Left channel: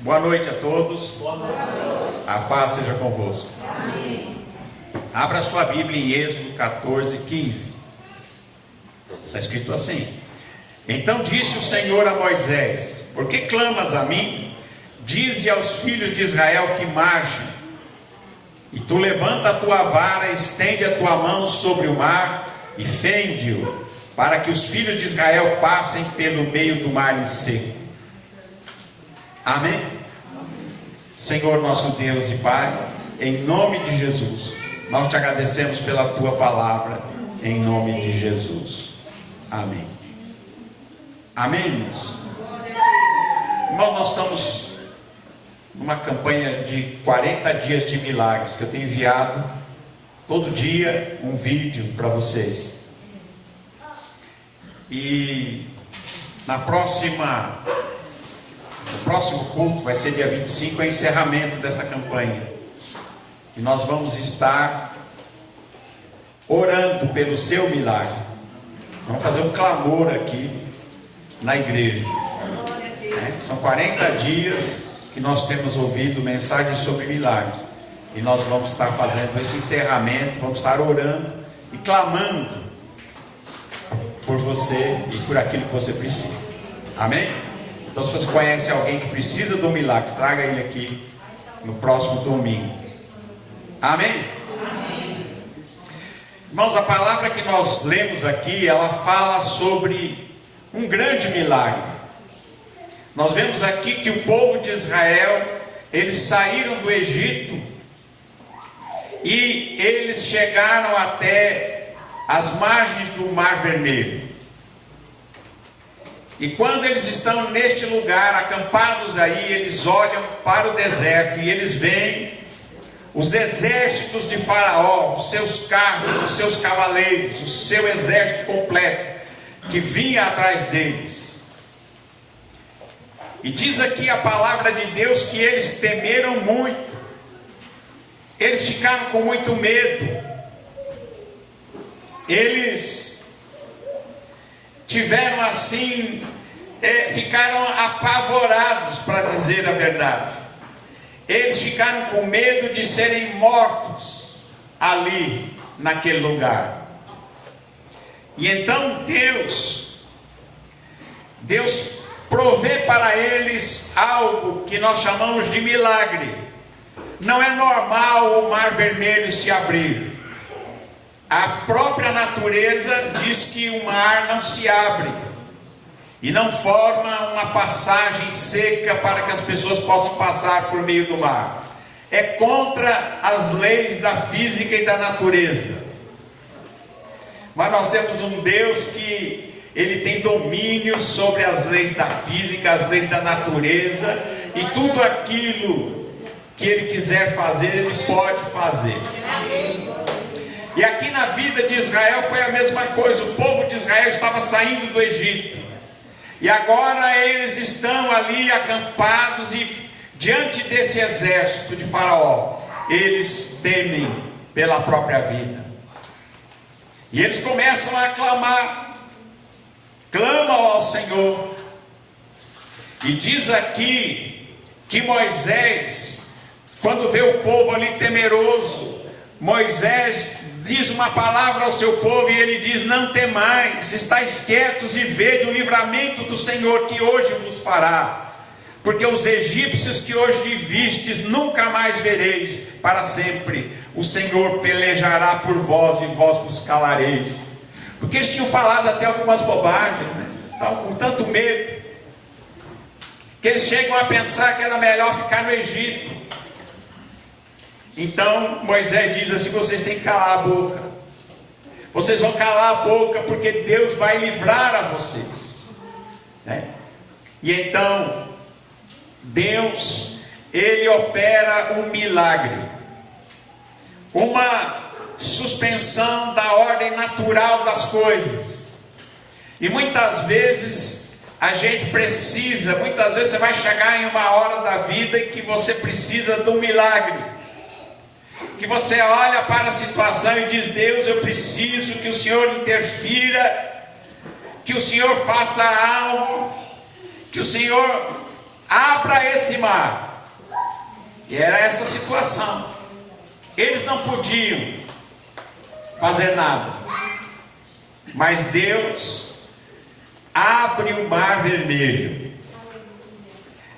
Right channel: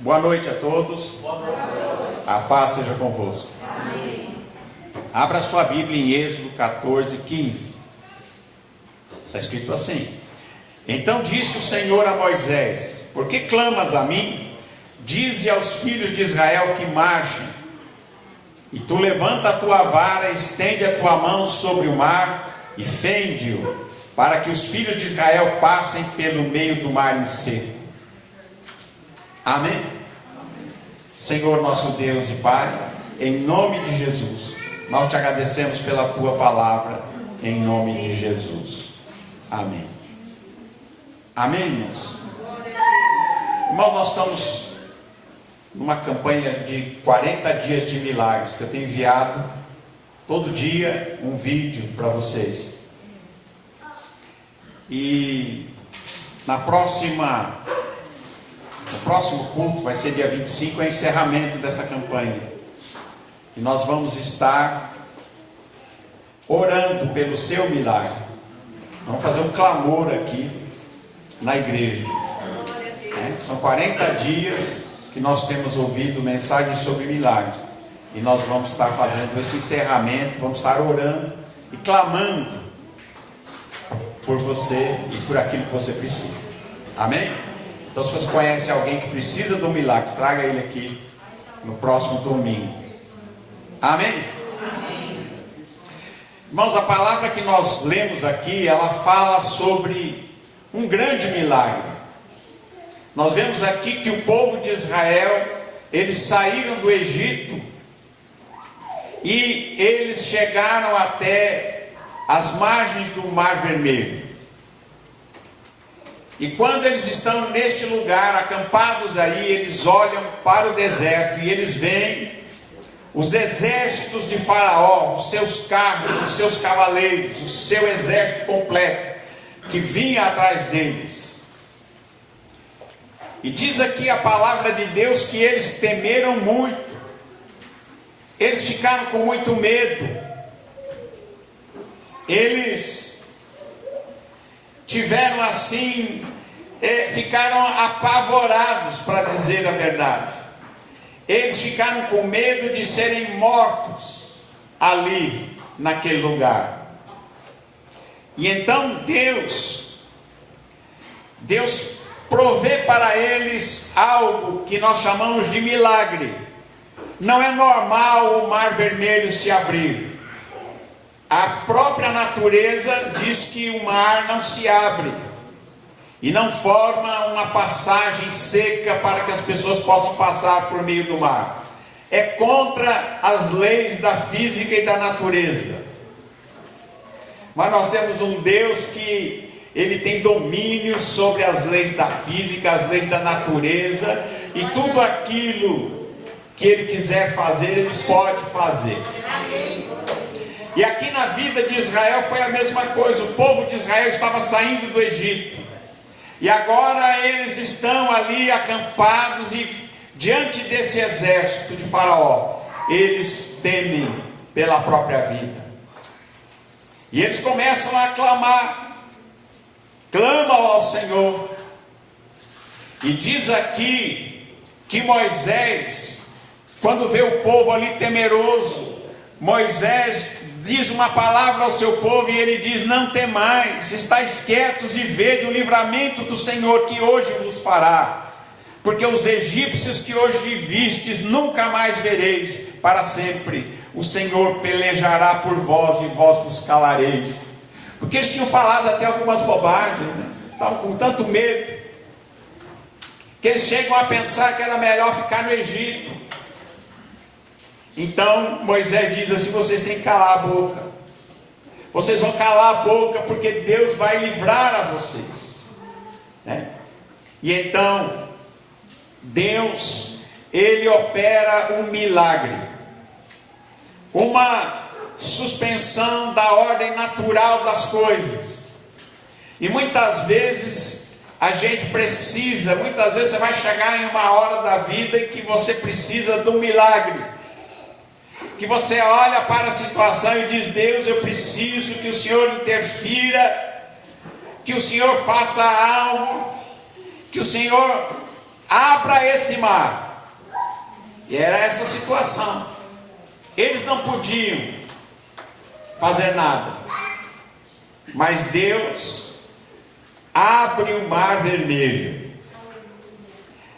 Boa noite a todos. Boa noite. A paz seja convosco. Amém. Abra sua Bíblia em Êxodo 14, 15. Está escrito assim: Então disse o Senhor a Moisés: Por que clamas a mim? Dize aos filhos de Israel que marchem. E tu levanta a tua vara, estende a tua mão sobre o mar e fende-o, para que os filhos de Israel passem pelo meio do mar em seco. Amém? Senhor nosso Deus e Pai, em nome de Jesus, nós te agradecemos pela tua palavra, em nome de Jesus. Amém. Amém, irmãos? Irmãos, nós estamos numa campanha de 40 dias de milagres, que eu tenho enviado todo dia um vídeo para vocês. E no próximo culto, vai ser dia 25, é o encerramento dessa campanha. E nós vamos estar orando pelo seu milagre. Vamos fazer um clamor aqui na igreja. São 40 dias que nós temos ouvido mensagens sobre milagres. E nós vamos estar fazendo esse encerramento, vamos estar orando e clamando por você e por aquilo que você precisa. Amém? Então, se você conhece alguém que precisa de um milagre, traga ele aqui no próximo domingo. Amém? Amém. Irmãos, a palavra que nós lemos aqui, ela fala sobre um grande milagre. Nós vemos aqui que o povo de Israel, eles saíram do Egito e eles chegaram até as margens do Mar Vermelho. E quando eles estão neste lugar, acampados aí, eles olham para o deserto e eles veem os exércitos de Faraó, os seus carros, os seus cavaleiros, o seu exército completo, que vinha atrás deles. E diz aqui a palavra de Deus que eles temeram muito, eles ficaram com muito medo, eles tiveram assim, ficaram apavorados, para dizer a verdade. Eles ficaram com medo de serem mortos ali, naquele lugar. E então Deus provê para eles algo que nós chamamos de milagre. Não é normal o Mar Vermelho se abrir. A própria natureza diz que o mar não se abre e não forma uma passagem seca para que as pessoas possam passar por meio do mar. É contra as leis da física e da natureza. Mas nós temos um Deus que ele tem domínio sobre as leis da física, as leis da natureza, e tudo aquilo que ele quiser fazer, ele pode fazer. E aqui na vida de Israel foi a mesma coisa. O povo de Israel estava saindo do Egito. E agora eles estão ali acampados e diante desse exército de Faraó, eles temem pela própria vida. E eles começam a clamar. Clamam ao Senhor. E diz aqui que Moisés, quando vê o povo ali temeroso, Moisés diz uma palavra ao seu povo e ele diz: não temais, estáis quietos e vede o livramento do Senhor que hoje vos fará, porque os egípcios que hoje vistes nunca mais vereis para sempre. O Senhor pelejará por vós e vós vos calareis. Porque eles tinham falado até algumas bobagens, né? Estavam com tanto medo que eles chegam a pensar que era melhor ficar no Egito. Então Moisés diz assim: vocês têm que calar a boca. Vocês vão calar a boca porque Deus vai livrar a vocês, né? E então Deus, ele opera um milagre, uma suspensão da ordem natural das coisas. E muitas vezes a gente precisa, muitas vezes você vai chegar em uma hora da vida que você precisa de um milagre, que você olha para a situação e diz: Deus, eu preciso que o Senhor interfira, que o Senhor faça algo, que o Senhor abra esse mar. E era essa situação. Eles não podiam fazer nada, mas Deus abre o mar vermelho.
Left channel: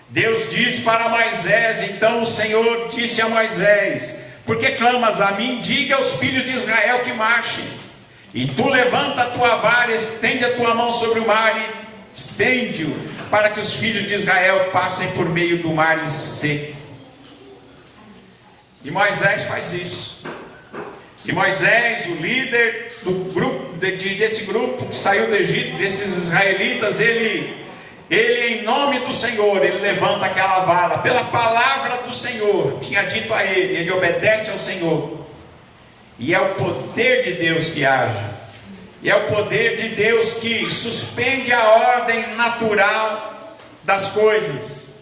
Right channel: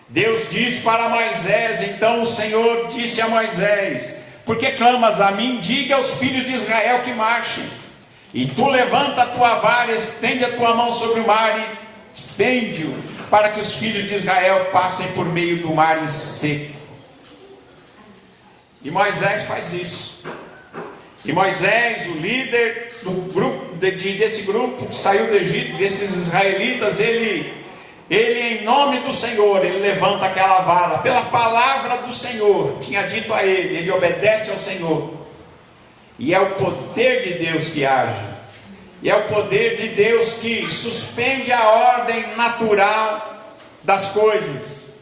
Deus diz para Moisés, então o Senhor disse a Moisés: por que clamas a mim? Diga aos filhos de Israel que marchem. E tu levanta a tua vara, estende a tua mão sobre o mar e fende-o, para que os filhos de Israel passem por meio do mar em seco. E Moisés faz isso. E Moisés, o líder do grupo, desse grupo que saiu do Egito, desses israelitas, ele em nome do Senhor, ele levanta aquela vara, pela palavra do Senhor, tinha dito a ele obedece ao Senhor. E é o poder de Deus que age. E é o poder de Deus que suspende a ordem natural das coisas.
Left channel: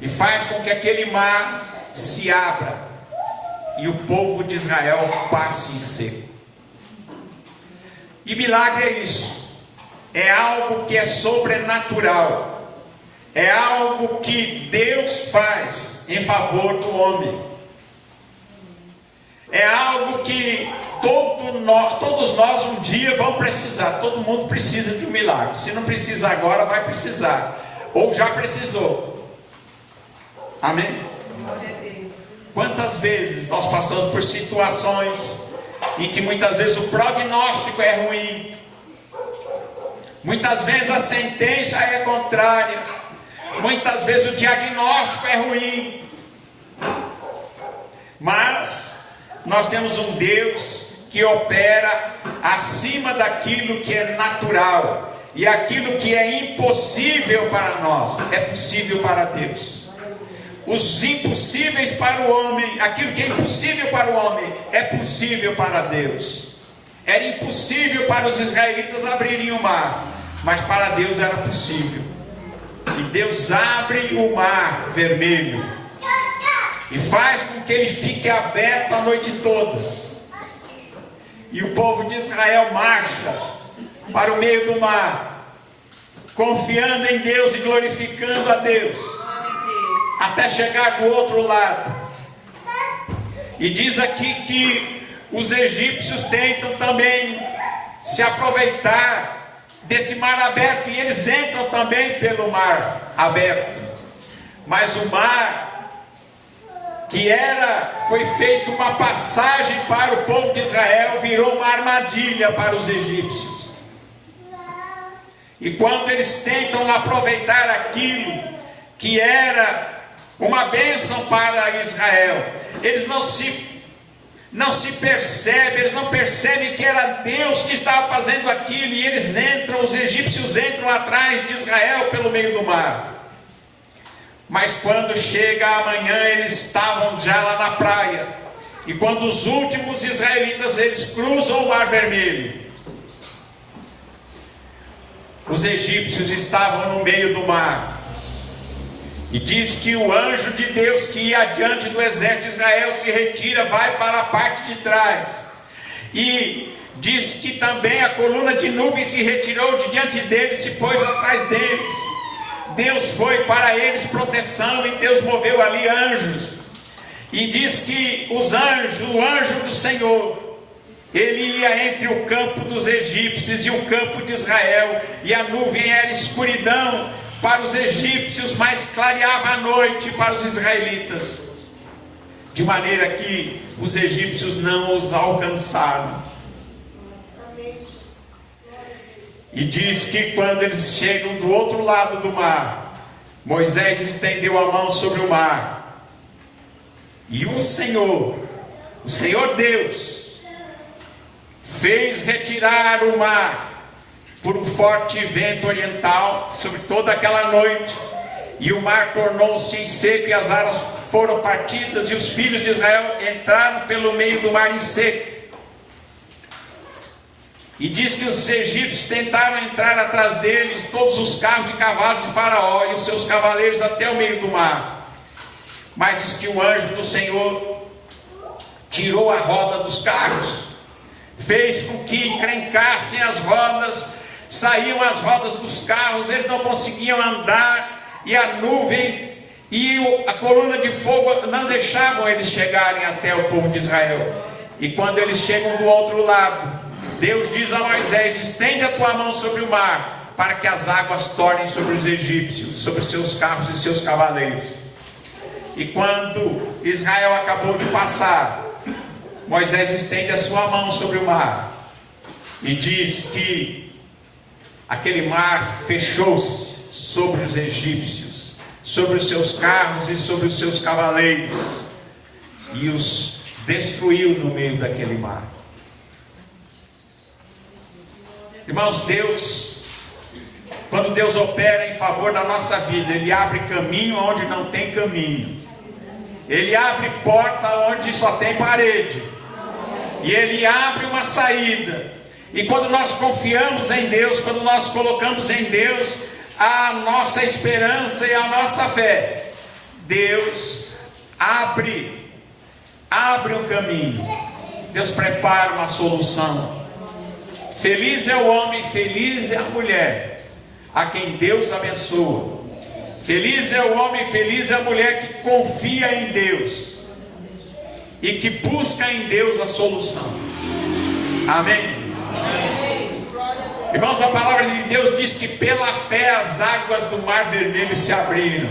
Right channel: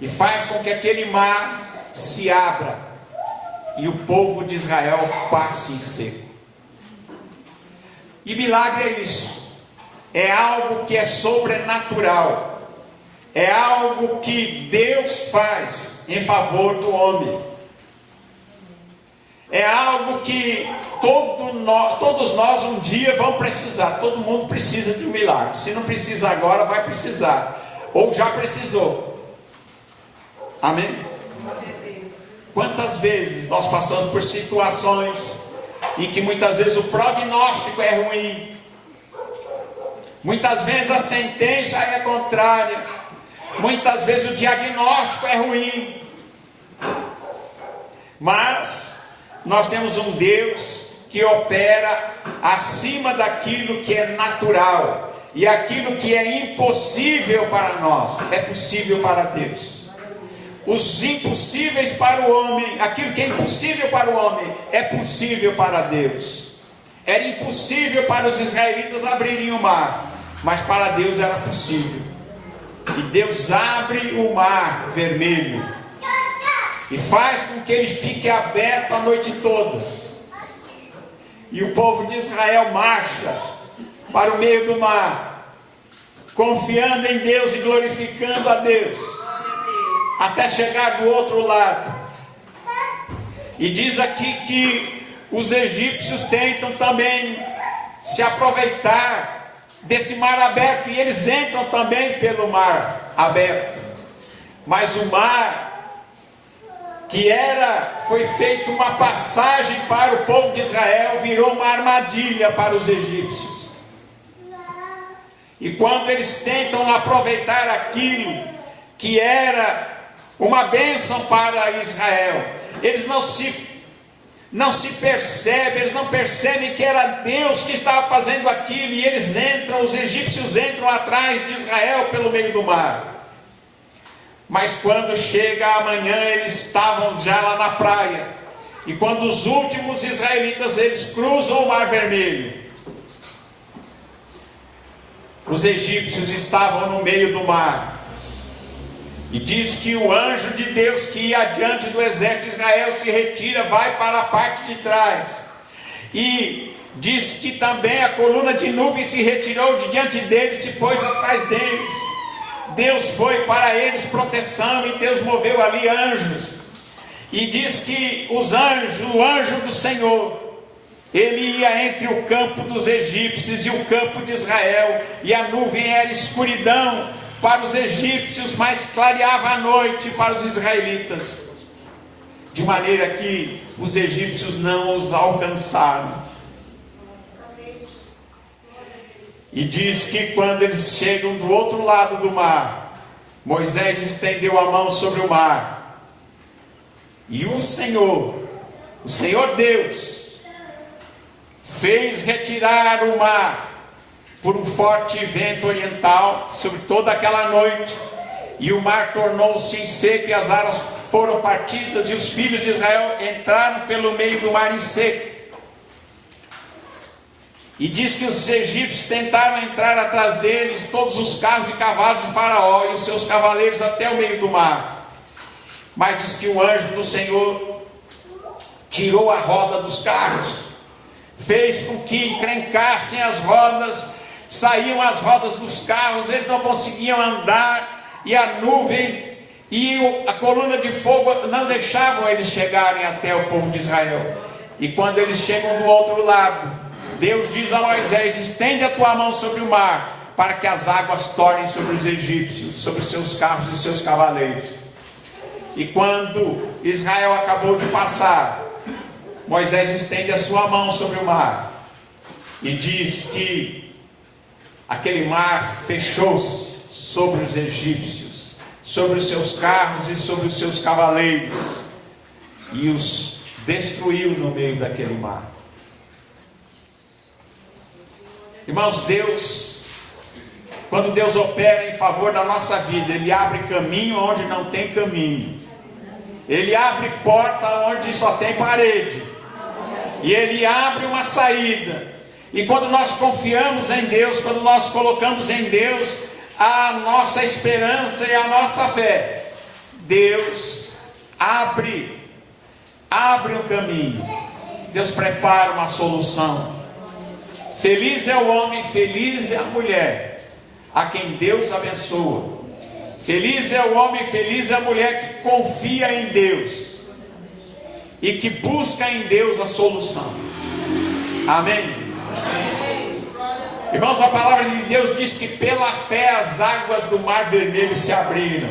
E faz com que aquele mar se abra. E o povo de Israel passe em seco. E milagre é isso. É algo que é sobrenatural. É algo que Deus faz em favor do homem. É algo que todos nós um dia vamos precisar. Todo mundo precisa de um milagre. Se não precisa agora, vai precisar. Ou já precisou. Amém? Quantas vezes nós passamos por situações em que muitas vezes o prognóstico é ruim. Muitas vezes a sentença é contrária. Muitas vezes o diagnóstico é ruim. Mas nós temos um Deus que opera acima daquilo que é natural. E aquilo que é impossível para nós, é possível para Deus. Os impossíveis para o homem, aquilo que é impossível para o homem, é possível para Deus. Era impossível para os israelitas abrirem o mar, mas para Deus era possível. E Deus abre o mar vermelho e faz com que ele fique aberto a noite toda. E o povo de Israel marcha para o meio do mar, confiando em Deus e glorificando a Deus, até chegar do outro lado. E diz aqui que os egípcios tentam também se aproveitar desse mar aberto, e eles entram também pelo mar aberto. Mas o mar foi feito uma passagem para o povo de Israel, virou uma armadilha para os egípcios. E quando eles tentam aproveitar aquilo que era uma bênção para Israel, eles não se percebem, eles não percebem que era Deus que estava fazendo aquilo, e eles entram, os egípcios entram atrás de Israel pelo meio do mar. Mas quando chega amanhã, eles estavam já lá na praia, e quando os últimos israelitas, eles cruzam o mar vermelho, os egípcios estavam no meio do mar. E diz que o anjo de Deus que ia adiante do exército de Israel se retira, vai para a parte de trás. E diz que também a coluna de nuvem se retirou de diante deles, se pôs atrás deles. Deus foi para eles proteção, e Deus moveu ali anjos. E diz que o anjo do Senhor, ele ia entre o campo dos egípcios e o campo de Israel, e a nuvem era escuridão para os egípcios, mas clareava a noite para os israelitas, de maneira que os egípcios não os alcançaram. E diz que quando eles chegam do outro lado do mar, Moisés estendeu a mão sobre o mar, e o Senhor Deus, fez retirar o mar por um forte vento oriental sobre toda aquela noite, e o mar tornou-se em seco, e as águas foram partidas, e os filhos de Israel entraram pelo meio do mar em seco. E diz que os egípcios tentaram entrar atrás deles, todos os carros e cavalos de Faraó e os seus cavaleiros, até o meio do mar. Mas diz que o anjo do Senhor tirou a roda dos carros, fez com que encrencassem as rodas, saíam as rodas dos carros, eles não conseguiam andar, e a nuvem e a coluna de fogo não deixavam eles chegarem até o povo de Israel. E quando eles chegam do outro lado, Deus diz a Moisés: estende a tua mão sobre o mar, para que as águas tornem sobre os egípcios, sobre seus carros e seus cavaleiros. E quando Israel acabou de passar, Moisés estende a sua mão sobre o mar e diz que aquele mar fechou-se sobre os egípcios, sobre os seus carros e sobre os seus cavaleiros, e os destruiu no meio daquele mar. Irmãos, quando Deus opera em favor da nossa vida, Ele abre caminho onde não tem caminho, Ele abre porta onde só tem parede, e Ele abre uma saída. E quando nós confiamos em Deus, quando nós colocamos em Deus a nossa esperança e a nossa fé, Deus abre um caminho, Deus prepara uma solução. Feliz é o homem, feliz é a mulher a quem Deus abençoa. Feliz é o homem, feliz é a mulher que confia em Deus e que busca em Deus a solução. Amém? Irmãos, a palavra de Deus diz que pela fé as águas do Mar Vermelho se abriram.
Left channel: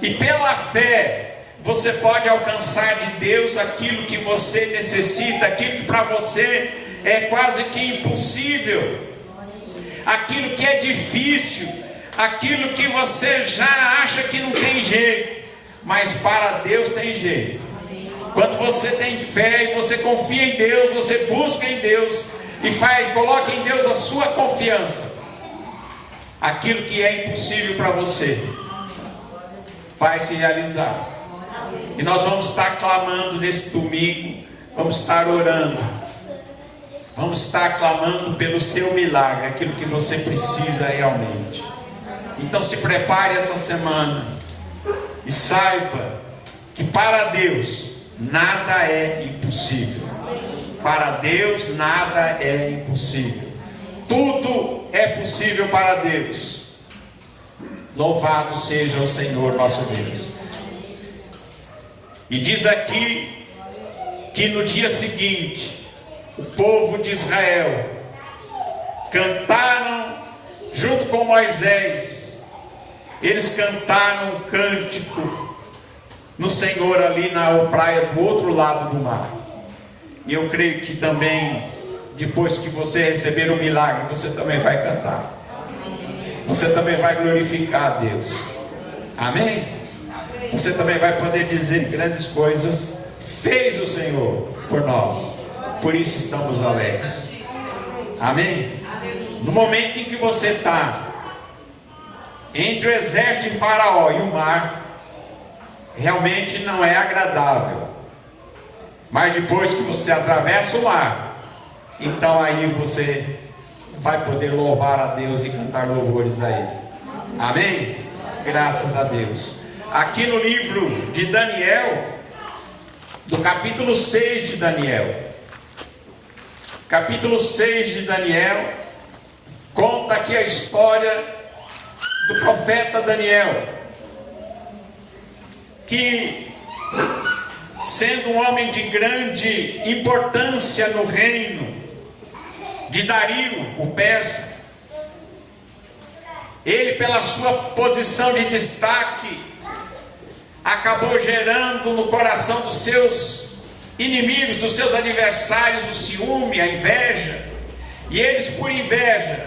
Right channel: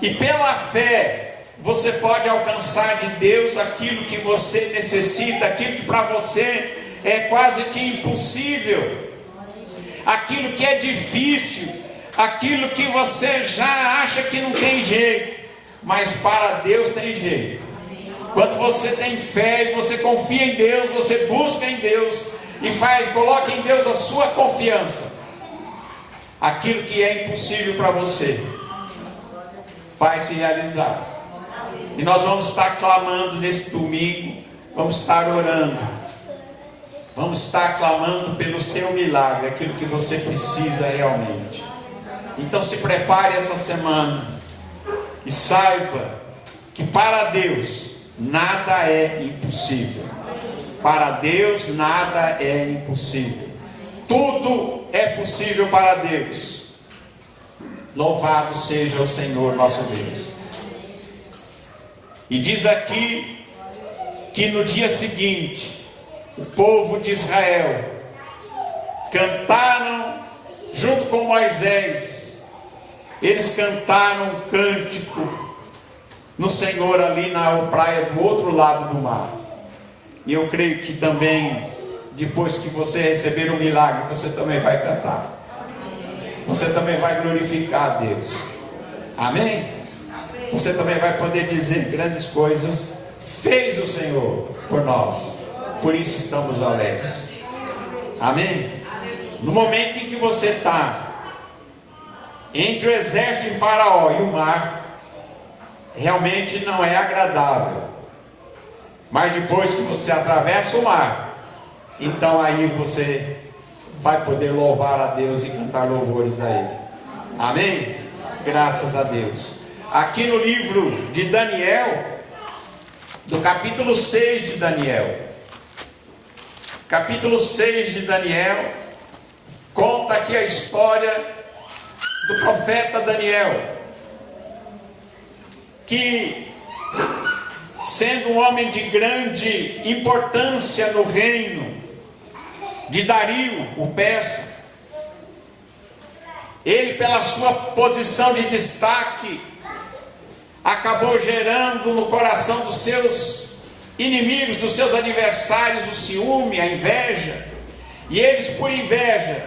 E pela fé você pode alcançar de Deus aquilo que você necessita, aquilo que para você é quase que impossível, aquilo que é difícil, aquilo que você já acha que não tem jeito, mas para Deus tem jeito. Quando você tem fé e você confia em Deus, você busca em Deus e coloca em Deus a sua confiança, aquilo que é impossível para você vai se realizar. E nós vamos estar clamando nesse domingo, vamos estar orando, vamos estar clamando pelo seu milagre, aquilo que você precisa realmente. Então se prepare essa semana e saiba que para Deus nada é impossível. Para Deus nada é impossível. Tudo é possível para Deus. Louvado seja o Senhor nosso Deus. E diz aqui que no dia seguinte o povo de Israel cantaram junto com Moisés. Eles cantaram um cântico no Senhor ali na praia do outro lado do mar. E eu creio que também, depois que você receber o milagre, você também vai cantar. Você também vai glorificar a Deus. Amém? Você também vai poder dizer grandes coisas fez o Senhor por nós. Por isso estamos alegres. Amém? No momento em que você está entre o exército de Faraó e o mar, realmente não é agradável. Mas depois que você atravessa o mar, então aí você vai poder louvar a Deus e cantar louvores a Ele. Amém? Graças a Deus. Aqui no livro de Daniel, do capítulo 6 de Daniel, capítulo 6 de Daniel, conta aqui a história do profeta Daniel, que, sendo um homem de grande importância no reino de Dario, o persa, ele, pela sua posição de destaque, acabou gerando no coração dos seus inimigos, dos seus adversários, o ciúme, a inveja. E eles, por inveja,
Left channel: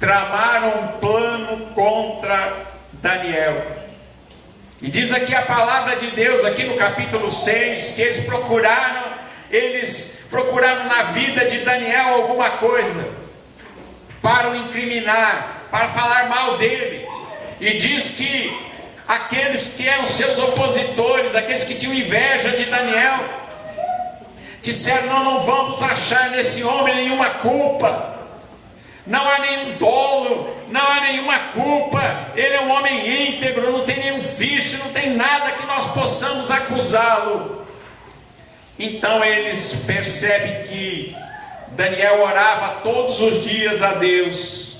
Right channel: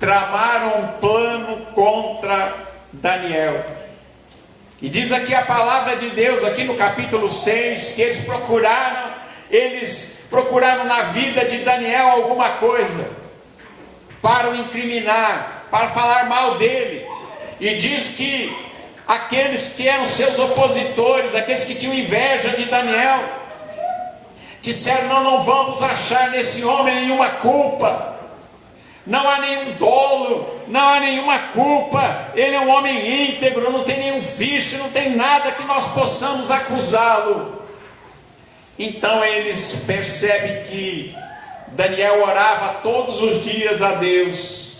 tramaram um plano contra Daniel. E diz aqui a palavra de Deus, aqui no capítulo 6, que eles procuraram na vida de Daniel alguma coisa para o incriminar, para falar mal dele. E diz que aqueles que eram seus opositores, aqueles que tinham inveja de Daniel, disseram: não vamos achar nesse homem nenhuma culpa, não há nenhum dolo, não há nenhuma culpa, ele é um homem íntegro, não tem nenhum vício, não tem nada que nós possamos acusá-lo. Então eles percebem que Daniel orava todos os dias a Deus,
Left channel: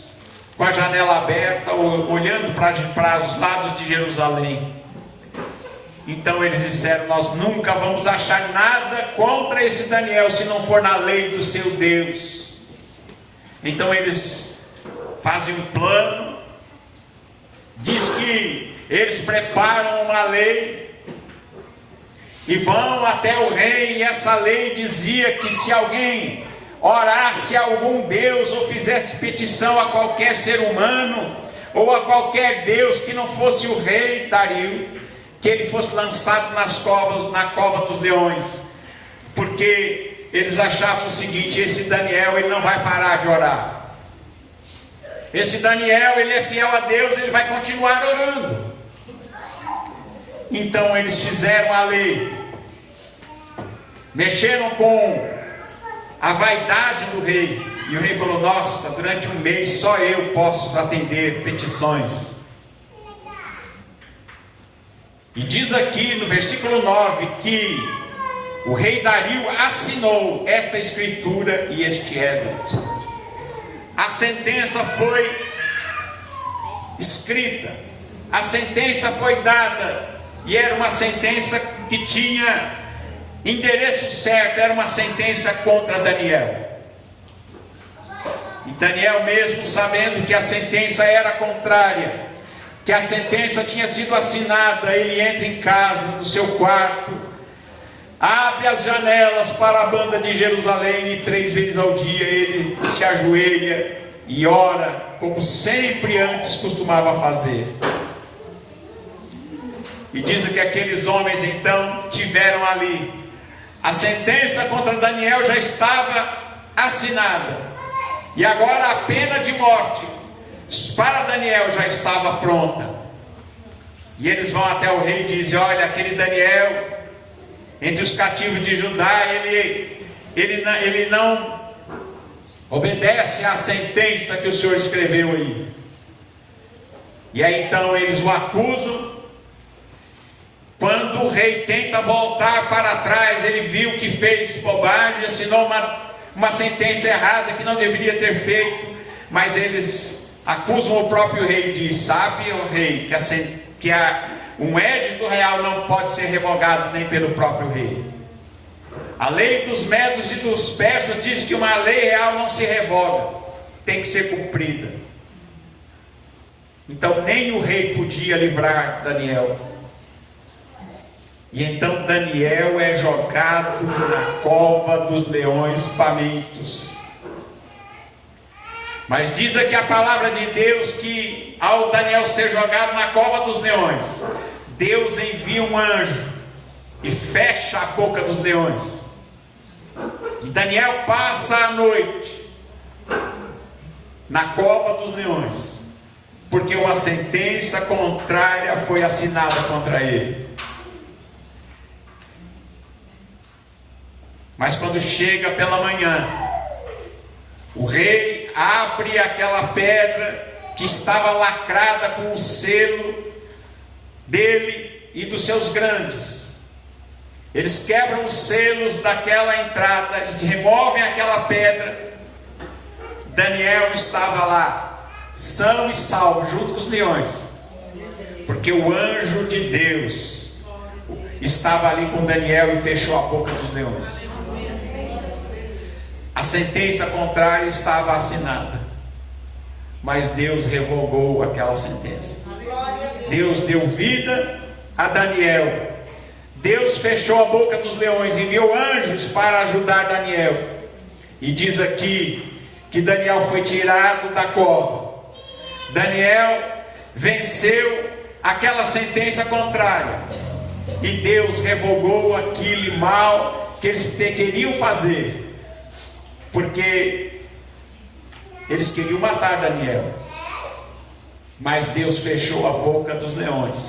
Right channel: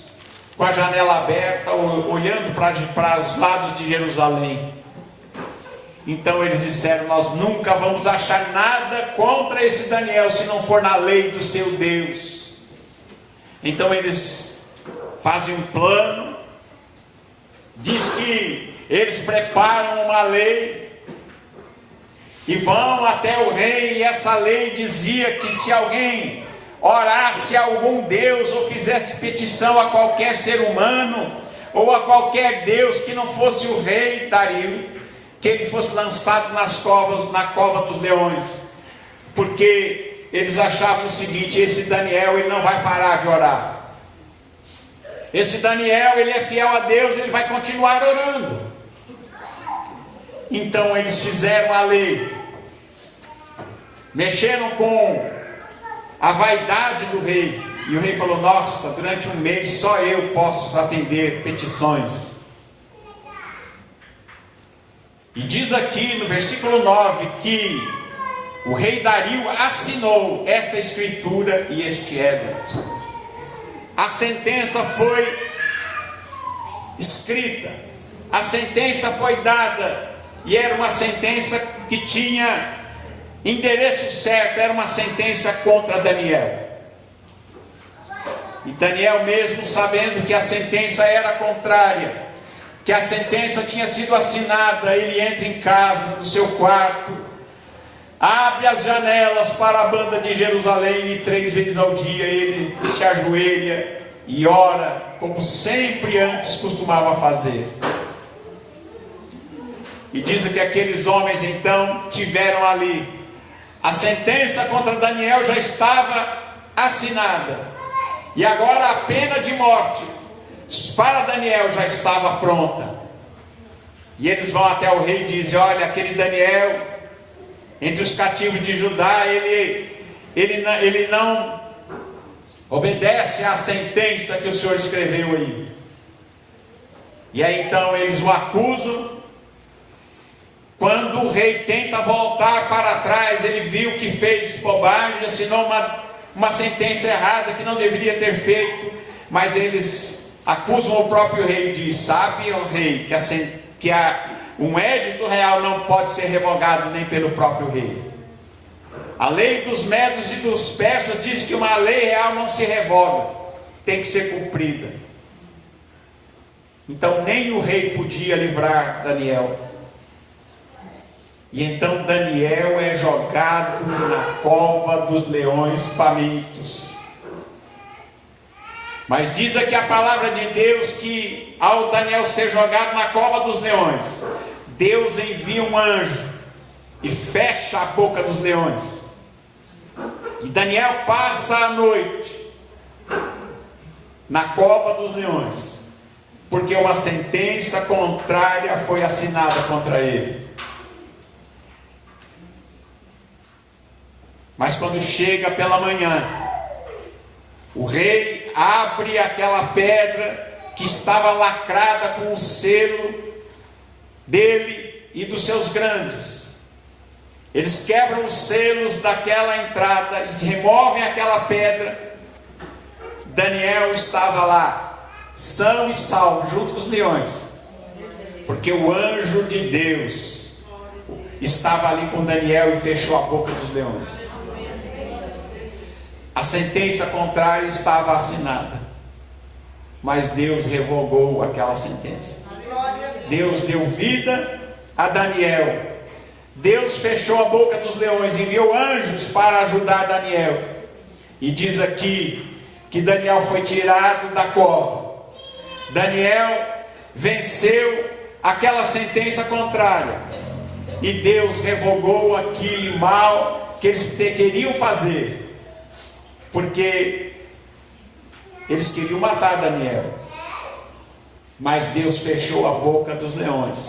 com a janela aberta, olhando para os lados de Jerusalém. Então eles disseram: nós nunca vamos achar nada contra esse Daniel, se não for na lei do seu Deus. Então eles fazem um plano, diz que eles preparam uma lei, e vão até o rei, e essa lei dizia que se alguém orasse a algum Deus, ou fizesse petição a qualquer ser humano, ou a qualquer Deus que não fosse o rei Dario, que ele fosse lançado na cova dos leões, porque eles achavam o seguinte: esse Daniel, ele não vai parar de orar, esse Daniel, ele é fiel a Deus, ele vai continuar orando. Então eles fizeram a lei, mexeram com a vaidade do rei, e o rei falou: nossa, durante um mês só eu posso atender petições. E diz aqui no versículo 9 que o rei Dario assinou esta escritura e este edito. A sentença foi escrita, a sentença foi dada, e era uma sentença que tinha endereço certo, era uma sentença contra Daniel. E Daniel, mesmo sabendo que a sentença era contrária, que a sentença tinha sido assinada, ele entra em casa, no seu quarto, abre as janelas para a banda de Jerusalém, e 3 vezes ao dia ele se ajoelha e ora, como sempre antes costumava fazer. E diz que aqueles homens então tiveram ali, a sentença contra Daniel já estava assinada, e agora a pena de morte para Daniel já estava pronta. E eles vão até o rei e dizem: olha, aquele Daniel, entre os cativos de Judá, ele não obedece à sentença que o Senhor escreveu aí. E aí então eles o acusam. Quando o rei tenta voltar para trás, ele viu que fez bobagem, assinou uma sentença errada que não deveria ter feito, mas eles acusam o próprio rei e diz: sabe, o rei, que um edito real não pode ser revogado nem pelo próprio rei. A lei dos medos e dos persas diz que uma lei real não se revoga, tem que ser cumprida. Então nem o rei podia livrar Daniel. E então Daniel é jogado na cova dos leões famintos. Mas diz aqui a palavra de Deus que ao Daniel ser jogado na cova dos leões, Deus envia um anjo e fecha a boca dos leões. E Daniel passa a noite na cova dos leões, porque uma sentença contrária foi assinada contra ele. Mas quando chega pela manhã, o rei abre aquela pedra que estava lacrada com o selo dele e dos seus grandes. Eles quebram os selos daquela entrada e removem aquela pedra. Daniel estava lá, são e salvo, junto com os leões, porque o anjo de Deus estava ali com Daniel e fechou a boca dos leões. A sentença contrária estava assinada, mas Deus revogou aquela sentença. Deus deu vida a Daniel. Deus fechou a boca dos leões, enviou anjos para ajudar Daniel. E diz aqui que Daniel foi tirado da cova. Daniel venceu aquela sentença contrária, e Deus revogou aquele mal que eles queriam fazer, porque eles queriam matar Daniel. Mas Deus fechou a boca dos leões,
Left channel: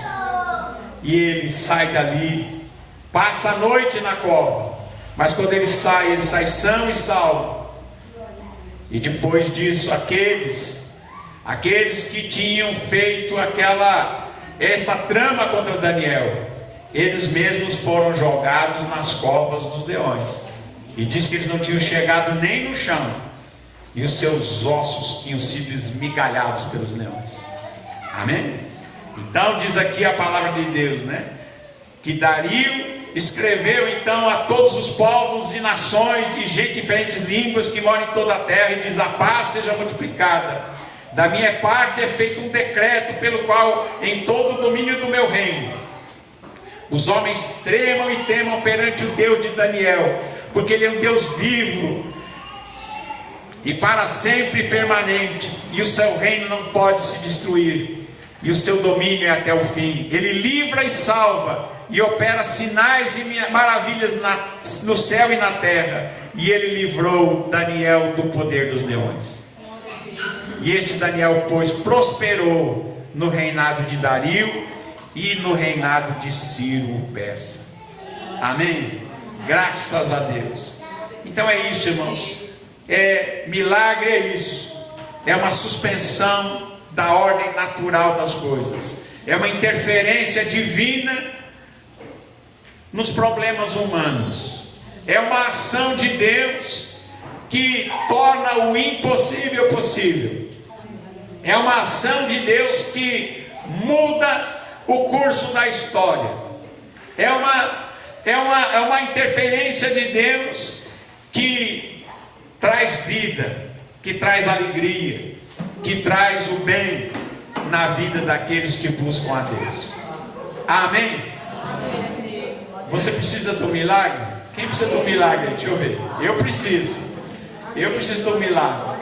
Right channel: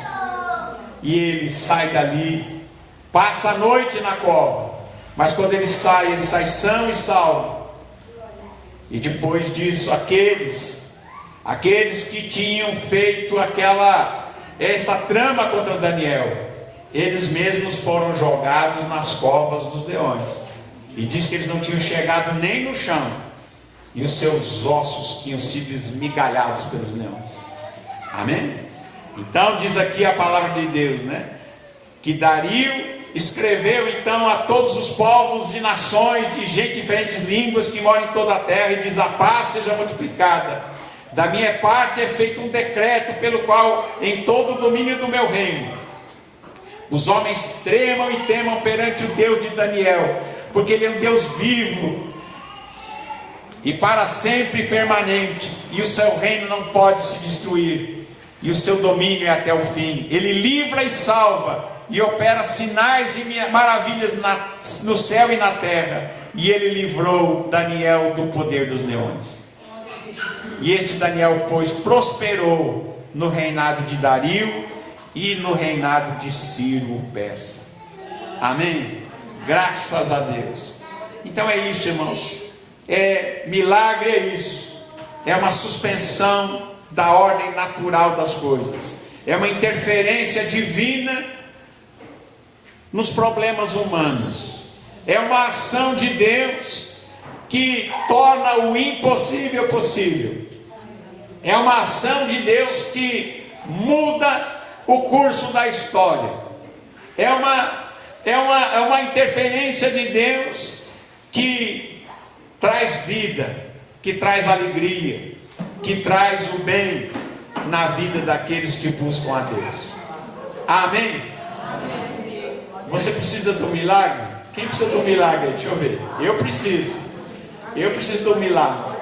e ele sai dali, passa a noite na cova, mas quando ele sai são e salvo. E depois disso, aqueles que tinham feito essa trama contra Daniel, eles mesmos foram jogados nas covas dos leões. E diz que eles não tinham chegado nem no chão, e os seus ossos tinham sido esmigalhados pelos leões. Amém? Então diz aqui a palavra de Deus, né? Que Dario escreveu então a todos os povos e nações de gente de diferentes línguas que moram em toda a terra, e diz: a paz seja multiplicada. Da minha parte é feito um decreto pelo qual em todo o domínio do meu reino os homens tremam e temam perante o Deus de Daniel, porque ele é um Deus vivo e para sempre permanente, e o seu reino não pode se destruir, e o seu domínio é até o fim. Ele livra e salva, e opera sinais e maravilhas no céu e na terra. E ele livrou Daniel do poder dos leões. E este Daniel, pois, prosperou no reinado de Dario e no reinado de Ciro o persa. Amém? Graças a Deus. Então é isso, irmãos. Milagre é isso. É uma suspensão da ordem natural das coisas. É uma interferência divina nos problemas humanos. É uma ação de Deus que torna o impossível possível. É uma ação de Deus que muda o curso da história. É uma interferência de Deus que traz vida, que traz alegria, que traz o bem na vida daqueles que buscam a Deus. Amém? Você precisa do milagre? Quem precisa do milagre? Deixa eu ver. Eu preciso do milagre.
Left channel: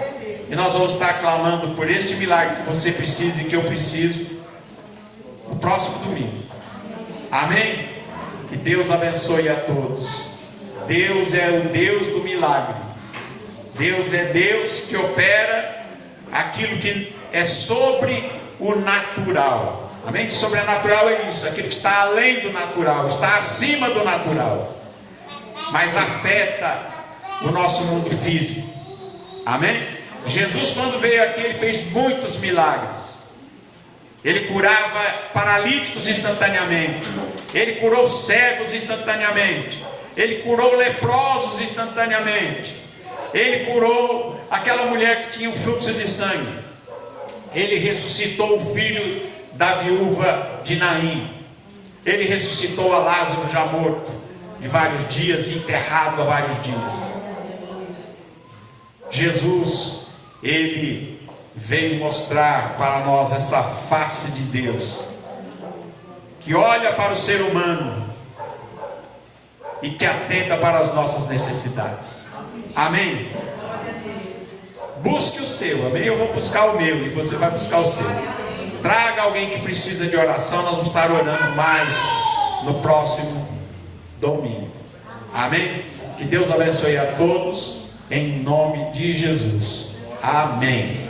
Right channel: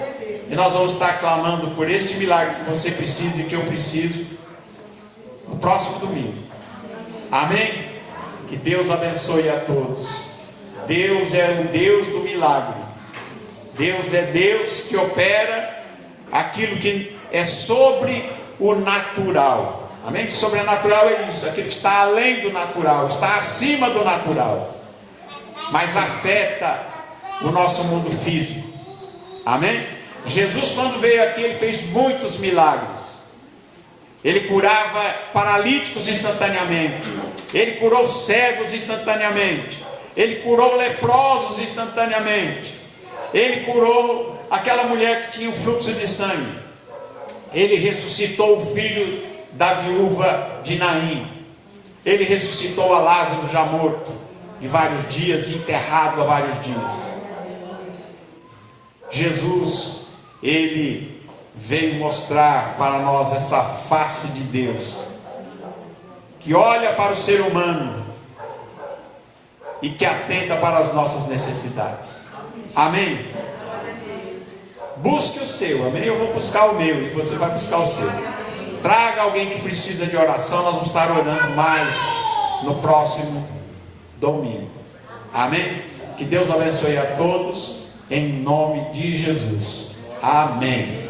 E nós vamos estar clamando por este milagre que você precisa e que eu preciso no próximo domingo. Amém? Que Deus abençoe a todos. Deus é o Deus do milagre. Deus é Deus que opera aquilo que é sobre o natural. Amém? Sobrenatural é isso, aquilo que está além do natural, está acima do natural, mas afeta o nosso mundo físico. Amém? Jesus, quando veio aqui, ele fez muitos milagres. Ele curava paralíticos instantaneamente, ele curou cegos instantaneamente, ele curou leprosos instantaneamente, ele curou aquela mulher que tinha um fluxo de sangue, ele ressuscitou o filho da viúva de Naim, ele ressuscitou a Lázaro já morto de vários dias, enterrado há vários dias. Jesus, ele veio mostrar para nós essa face de Deus, que olha para o ser humano e que atenta para as nossas necessidades. Amém? Busque o seu, amém? Eu vou buscar o meu e você vai buscar o seu. Traga alguém que precisa de oração, nós vamos estar orando mais no próximo domingo. Amém? Que Deus abençoe a todos, em nome de Jesus. Amém.